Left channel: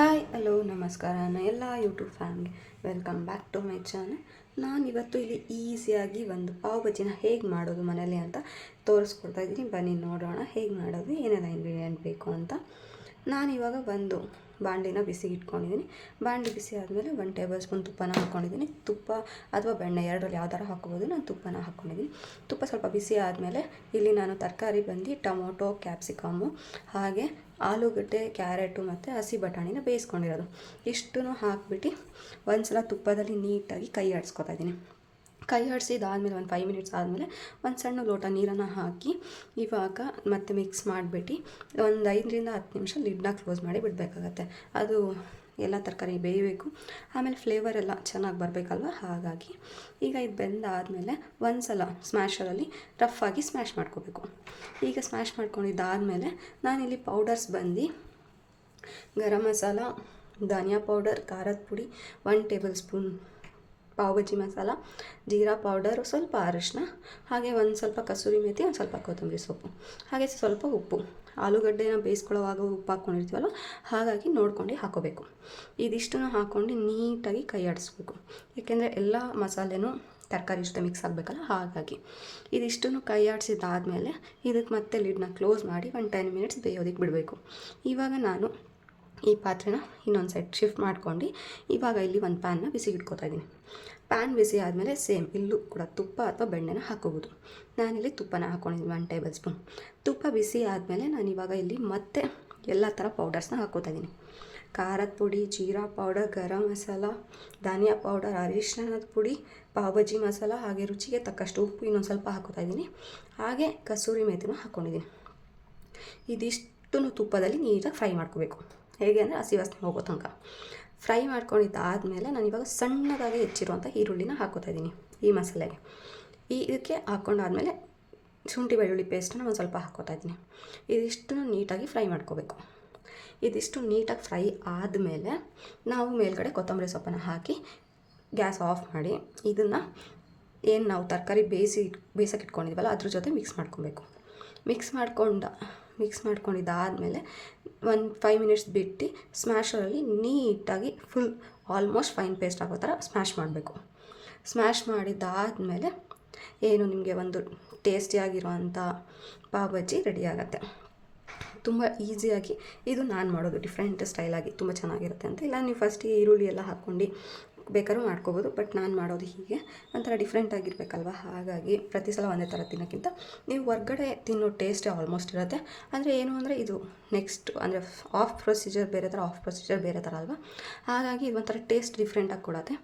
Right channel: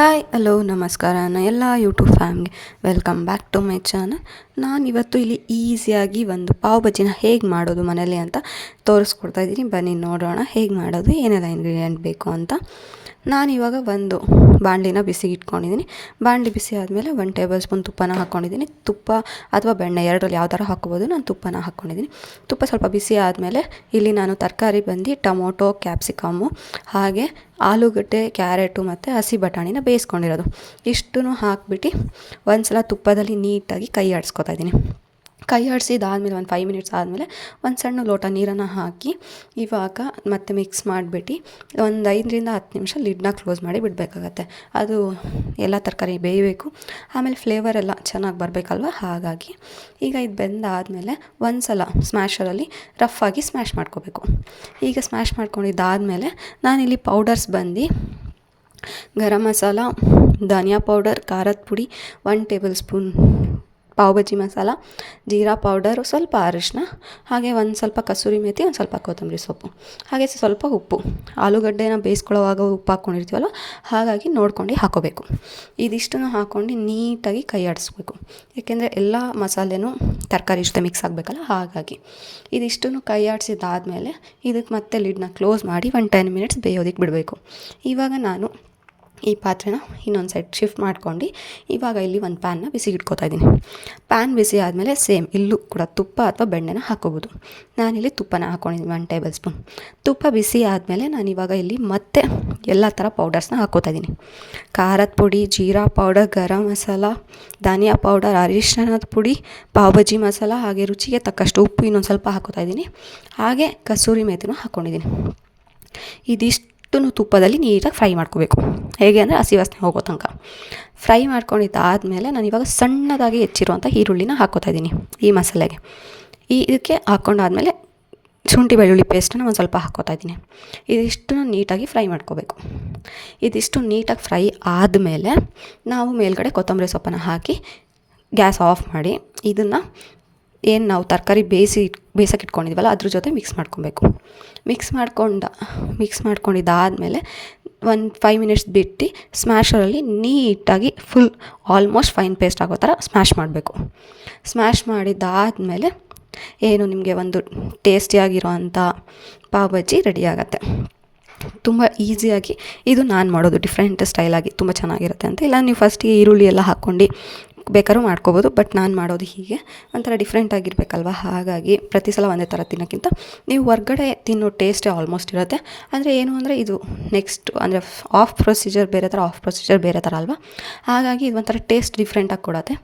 Hi hello ನಮಸ್ಕಾರ ಎಲ್ಲ YouTube ಫ್ಯಾಮ್ಗೆ welcome back to my channel. ನಾನಿವತ್ತು ಇಲ್ಲಿ ಈಸಿಯಾಗಿ ಒಂದು ಪಾವ್ ಬಜ್ಜಿನ ಹೇಗೆ ಮಾಡೋದು ಮನೇಲಿ ಅಂತ ತೋರಿಸ್ಕೊಡ್ತಾ ಇದ್ದೀನಿ. ಬನ್ನಿ ನೋಡೋಣ ಹೇಗೆ ಮಾಡೋದು, ಏನೆಲ್ಲ ಇಂಗ್ರೀಡಿಯೆಂಟ್ ಬೇಕು ಅಂತ. ನಾನಿವಾಗ ಒಂದು ಬಾಣಲಿನ ಬಿಸಿಗೆ ಇಟ್ಕೊಂಡಿದ್ದೀನಿ. ಬಾಣಲಿ ಬಿಸಿ ಆದಮೇಲೆ 1 ಟೇಬಲ್ ಸ್ಪೂನ್ ತುಪ್ಪನ ಹಾಕ್ಕೊಂಡಿದ್ದೀನಿ. ತುಪ್ಪ ಅಥವಾ ಬೆಣ್ಣೆ ಎರಡರಲ್ಲಿ ಯಾವ ಥರ ಹಾಕ್ಕೋಬೋದು. ನಾನು ತುಪ್ಪನ ಹಾಕ್ಕೊಂಡಿದ್ದೀನಿ. ತುಪ್ಪ ಸ್ವಲ್ಪ ಬಿಸಿ ಆದಮೇಲೆ ಇಲ್ಲಿ ನಾನು ತರಕಾರಿ ಬಂದು ಟೊಮೊಟೊ, ಕ್ಯಾಪ್ಸಿಕಮ್ಮು, ಹಾಗೆ ಆಲೂಗಡ್ಡೆ, ಕ್ಯಾರೆಟು ಮತ್ತು ಹಸಿ ಬಟಾಣಿನ ಬೇಯಿಸ್ಕೊಂಡಿರೋದು ಇಷ್ಟನ್ನು ಹಾಕ್ಬಿಟ್ಟು ಒಂದು ಸಲ ತುಪ್ಪದಲ್ಲಿ ನೀಟಾಗಿ ಕೈ ಆಡಿಸ್ಕೊತಾ ಇದ್ದೀನಿ. ಕೈ ಆಡಿಸಿದಾದ್ಮೇಲೆ ಒಂದು 5 ಮಿನಿಟ್ಸ್ ಆದಮೇಲೆ ಒಂದು ಸಣ್ಣ ಲೋಟ ನೀರನ್ನು ಹಾಕಿ ಇವಾಗ ಮತ್ತೆ ಮಿಕ್ಸ್ ಮಾಡಿಬಿಟ್ಟು ಒಂದು 5ರಿಂದ 10 ನಿಮಿಷ ಲಿಡ್ನ ಕ್ಲೋಸ್ ಮಾಡಿ ಬಿಡಬೇಕಾಗತ್ತೆ. ಅದು ಎಲ್ಲ ತರಕಾರಿ ಬೇಯಬೇಕು, ಆಮೇಲೆ ಫ್ಲೇವರ್ ಎಲ್ಲ ಚೆನ್ನಾಗಿ ಬರಬೇಕಲ್ವ. ಹಾಗಾಗಿ ಈಗ ಇದು ಬೆಂದಾದಮೇಲೆ ಒಂದು ಸಲ ಸ್ಮ್ಯಾಶರಲ್ಲಿ ರಫಾಗಿ ಸ್ಮ್ಯಾಶ್ ಮಾಡ್ಕೋಬೇಕು. ಈಗ ಸ್ಮ್ಯಾಶ್ ಮಾಡ್ಕೊಂಡಿದ್ದಾದಮೇಲೆ ನಾನಿಲ್ಲಿ ಪೌಡರ್ಸ್ ಬಂದು ಗರಂ ಮಸಾಲ, ಧನಿಯಾ ಪೌಡರ್, ಖಾರದ ಪುಡಿ, 1 ಟೇಬಲ್ ಸ್ಪೂನ್ ಪಾವ್ ಬಜ್ಜಿ ಮಸಾಲ, ಜೀರಾ ಪೌಡರು, ಸ್ವಲ್ಪ ಅರಿಶಿನ, ಹಾಗೆ ಒಂದು ಸ್ವಲ್ಪ ಕಸೂರಿ ಮೇಥಿ, ಒಂದು ಸ್ವಲ್ಪ ಕೊತ್ತಂಬರಿ ಸೊಪ್ಪು, ಹಾಗೆ ಸ್ವಲ್ಪ ಉಪ್ಪು. ಆಲೂಗಡ್ಡೆನ ಬೇಯಿಸ್ಕೊಳ್ಳೋವಾಗ ಉಪ್ಪು ಹಾಕ್ಕೊಂಡಿರ್ತೀವಲ್ಲ, ಹಾಗಾಗಿ ನೋಡ್ಕೊಂಡು ಹಾಕೋಬೇಕು. ಇದಿಷ್ಟನ್ನು ಹಾಕ್ಕೊಂಡು ನೀಟಾಗಿ ಕೈ ಆಡಿಸ್ಬೇಕು, ಏಕೆಂದರೆ ಎಲ್ಲ ಮಸಾಲೆನೂ ತರಕಾರಿ ಜೊತೆ ಮಿಕ್ಸ್ ಆಗಬೇಕಲ್ಲ. ಹಾಗಾಗಿ ಇದಿಷ್ಟನ್ನು ಕೈ ಆಡಿಸಿದಾದ್ಮೇಲೆ ಇದಕ್ಕೆ ಮತ್ತೆ ಲಿಡ್ನ ಕ್ಲೋಸ್ ಮಾಡಿ ಒಂದು 10 ಮಿನಿಟ್ಸ್ ಬೇಯೋದಕ್ಕೆ ಬಿಡಬೇಕು. ಇವಾಗ ನಾನು ಈ ಪಾತ್ರೆನ ಇನ್ನೊಂದು ಸೈಡ್ ಶಿಫ್ಟ್ ಮಾಡ್ಕೊಂಡು ಇವಾಗ ಇಲ್ಲಿ ಒಂದು ಪ್ಯಾನ್ನ ಬಿಸಿಗೆ ಇಟ್ಕೋತಾ ಇದ್ದೀನಿ. ಪ್ಯಾನ್ ಬಿಸಿ ಆದಮೇಲೆ ಸೇಮ್ ಇಲ್ಲೂ ಕೂಡ ತುಪ್ಪ ಅಥವಾ ಬೆಣ್ಣೆನ ಹಾಕೋಬೋದು. ನಾನಿಲ್ಲಿ ತುಪ್ಪನ ಹಾಕ್ಕೊಂಡಿದ್ದೀನಿ 1 ಟೇಬಲ್ ಸ್ಪೂನ್. ತುಪ್ಪ ಬಿಸಿ ಆದಮೇಲೆ ನಾನಿವಾಗ ಇಲ್ಲಿ ಮತ್ತೆ ಎಲ್ಲ ಥರ ಪೌಡರ್ಸ್ನ ಹಾಕ್ಕೋತಾ ಇದ್ದೀನಿ. ಖಾರದ ಪುಡಿ, ಜೀರಾ ಪೌಡರ್, ಗರಂ ಮಸಾಲ, ಧನಿಯಾ ಪೌಡರ್, ಅರಿಶಿಣದ ಪುಡಿ, ಪಾವ್ ಬಜ್ಜಿ ಮಸಾಲ, ಹಾಗೆ ರುಚಿಗೆ ತಕ್ಕಷ್ಟು ಉಪ್ಪು ಇನ್ನೊಂದು ಸ್ವಲ್ಪ ಹಾಕ್ಕೋತಾ ಇದ್ದೀನಿ. ಹಾಗೆ ಕಸೂರಿ ಮೇಥಿನೂ ಹಾಕ್ಕೊಂಡಿದ್ದೀನಿ. ಇದಿಷ್ಟು ತುಪ್ಪದಲ್ಲಿ ನೀಟಾಗಿ ಫ್ರೈ ಮಾಡ್ಕೋಬೇಕು. ಹೇಗೆ ಅಂದರೆ ಹಸಿ ವಾಸನೆ ಹೋಗೋ ತನಕ ಫ್ರೈ ಮಾಡ್ಕೊಂಡಿದ್ದಾದಮೇಲೆ ನಾನು ಇವಾಗ ಸಣ್ಣದಾಗಿ ಹೆಚ್ಚಿರುವಂಥ ಈರುಳ್ಳಿನ ಹಾಕ್ಕೋತಾ ಇದ್ದೀನಿ ಈ ಮಸಾಲೆಗೆ. ಇದಕ್ಕೆ ಹಾಕ್ಕೊಂಡಾದ್ಮೇಲೆ ಶುಂಠಿ ಬೆಳ್ಳುಳ್ಳಿ ಪೇಸ್ಟನ್ನು ಒಂದು ಸ್ವಲ್ಪ ಹಾಕ್ಕೋತಾ ಇದ್ದೀನಿ. ಇದಿಷ್ಟನ್ನು ನೀಟಾಗಿ ಫ್ರೈ ಮಾಡ್ಕೋಬೇಕು. ಇದಿಷ್ಟು ನೀಟಾಗಿ ಫ್ರೈ ಆದಮೇಲೆ ನಾವು ಮೇಲ್ಗಡೆ ಕೊತ್ತಂಬರಿ ಸೊಪ್ಪನ್ನು ಹಾಕಿ ಗ್ಯಾಸ್ ಆಫ್ ಮಾಡಿ ಇದನ್ನು ಏನು ನಾವು ತರಕಾರಿ ಬೇಯಿಸೋಕೆ ಇಟ್ಕೊಂಡಿದ್ವಲ್ಲ ಅದ್ರ ಜೊತೆ ಮಿಕ್ಸ್ ಮಾಡ್ಕೊಬೇಕು. ಮಿಕ್ಸ್ ಮಾಡ್ಕೊಂಡಿದ್ದಾದಮೇಲೆ ಒಂದು 5 ಮಿನಿಟ್ಸ್ ಬಿಟ್ಟು ಸ್ಮ್ಯಾಶರಲ್ಲಿ ನೀಟಾಗಿ ಫುಲ್ ಆಲ್ಮೋಸ್ಟ್ ಫೈನ್ ಪೇಸ್ಟ್ ಆಗೋ ಥರ ಸ್ಮ್ಯಾಶ್ ಮಾಡಬೇಕು. ಸ್ಮ್ಯಾಶ್ ಮಾಡಿದ್ದಾದಮೇಲೆ ಏನು ನಿಮಗೆ ಒಂದು ಟೇಸ್ಟಿಯಾಗಿರೋ ಅಂಥ ಪಾವ್ ಬಜ್ಜಿ ರೆಡಿ ಆಗುತ್ತೆ. ತುಂಬ ಈಸಿಯಾಗಿ ಇದು ನಾನು ಮಾಡೋದು ಡಿಫ್ರೆಂಟ್ ಸ್ಟೈಲಾಗಿ ತುಂಬ ಚೆನ್ನಾಗಿರುತ್ತೆ ಅಂತ. ಇಲ್ಲ ನೀವು ಫಸ್ಟಿಗೆ ಈರುಳ್ಳಿ ಎಲ್ಲ ಹಾಕ್ಕೊಂಡು ಬೇಕಾದ್ರೂ ಮಾಡ್ಕೋಬೋದು, ಬಟ್ ನಾನು ಮಾಡೋದು ಹೀಗೆ ಒಂಥರ ಡಿಫ್ರೆಂಟ್ ಆಗಿರಬೇಕಲ್ವ. ಹಾಗಾಗಿ ಪ್ರತಿ ಸಲ ಒಂದೇ ಥರ ತಿನ್ನೋಕ್ಕಿಂತ ನೀವು ಹೊರ್ಗಡೆ ತಿನ್ನೋ ಟೇಸ್ಟೇ ಆಲ್ಮೋಸ್ಟ್ ಇರುತ್ತೆ. ಅಂದರೆ ಏನು ಅಂದರೆ ಇದು ನೆಕ್ಸ್ಟ್ ಅಂದರೆ ಆಫ್ ಪ್ರೊಸೀಜರ್ ಬೇರೆ ಥರ ಅಲ್ವಾ. ಹಾಗಾಗಿ ಇದು ಒಂಥರ ಟೇಸ್ಟ್ ಡಿಫ್ರೆಂಟಾಗಿ ಕೊಡುತ್ತೆ.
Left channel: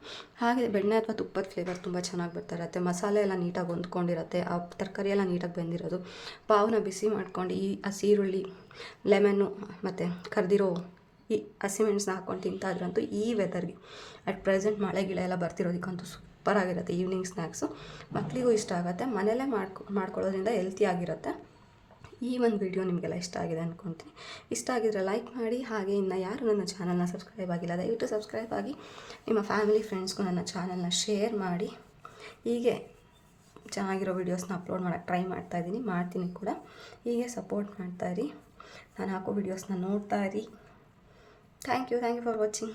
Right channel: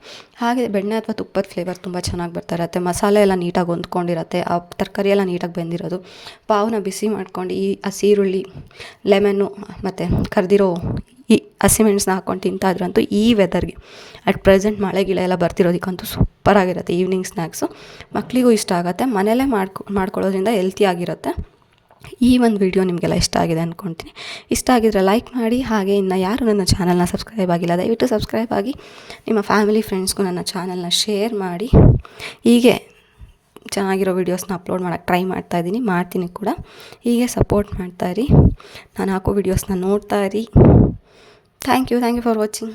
ಹಾಗೆ ಬೆಣ್ಣೆ ಅಥವಾ ತುಪ್ಪದ ಫ್ಲೇವರ್ ತುಂಬ ಚೆನ್ನಾಗಿ ಬರ್ತಾ ಇರುತ್ತೆ. ಮಸಾಲೆ ಎಲ್ಲ ನೀಟಾಗಿ ಹೊಂದ್ಕೊಂಡಿರುತ್ತೆ, ಆ ತರಕಾರಿ ಎಲ್ಲ ನೀಟಾಗಿ ಬೆಂದಿರೋದು. ಪಾವನ್ನ ಬಿಸಿ ಮಾಡ್ಕೊಂಡು ಈ ಹಸಿ ಈರುಳ್ಳಿ, ಲೆಮನ್ನು ಮತ್ತು ಕರೆದಿರೋ ಈ ಹಸಿಮೆಣಸನ್ನ ಹಾಕ್ಕೊಂಡು ತಿಂತಾಯಿದ್ರಂತೂ ಈ ವೆದರ್ಗೆ ಅಟ್ ಪ್ರೆಸೆಂಟ್ ಮಳೆ ಗಿಳೆ ಎಲ್ಲ ಬರ್ತಿರೋದಕ್ಕಂತೂ ಸೂಪರಾಗಿರುತ್ತೆ. ಈವ್ನಿಂಗ್ ಸ್ನ್ಯಾಕ್ಸು ಮಕ್ಕಳಿಗೂ ಇಷ್ಟ ಆಗುತ್ತೆ. ಮನೆಯಲ್ಲೇ ಮಾಡ್ಕೊಳ್ಳೋದ್ರಿಂದ ಹೆಲ್ತಿಯಾಗಿರುತ್ತೆ. ಈ ಒಂದು ವಿಡಿಯೋ ನಿಮಗೆಲ್ಲ ಇಷ್ಟ ಆಗಿದೆ ಅಂದ್ಕೊಳ್ತೀನಿ. ಇಷ್ಟ ಆಗಿದ್ರೆ ಲೈಕ್ ಮಾಡಿ. ಹಾಗೆ ಇನ್ನು ಯಾರು ನನ್ನ ಚಾನಲ್ನ ಸಬ್ಸ್ಕ್ರೈಬ್ ಆಗಿಲ್ಲ ದಯವಿಟ್ಟು ಸಬ್ಸ್ಕ್ರೈಬ್ ಆಗಿ ನಿಮ್ಮ ಫ್ಯಾಮಿಲಿ ಫ್ರೆಂಡ್ಸ್ಗೂ ನನ್ನ ಚಾನಲ್ನ ಶೇರ್ ಮಾಡಿ. ಹೀಗೆ ಚೆನ್ನಾಗಿರೋ ವೀಡಿಯೋಸ್ನ ಅಪ್ಲೋಡ್ ಮಾಡೋಕ್ಕೆ ಟ್ರೈ ಮಾಡ್ತೀನಿ ಕೂಡ. ಹೀಗೆ ಸಪೋರ್ಟ್ ಮಾಡ್ತಾಯಿರಿ, ನಾನು ಹಾಕೋ ವೀಡಿಯೋಸ್ನ ನೋಡ್ತಾಯಿರಿ. Thank you for watching.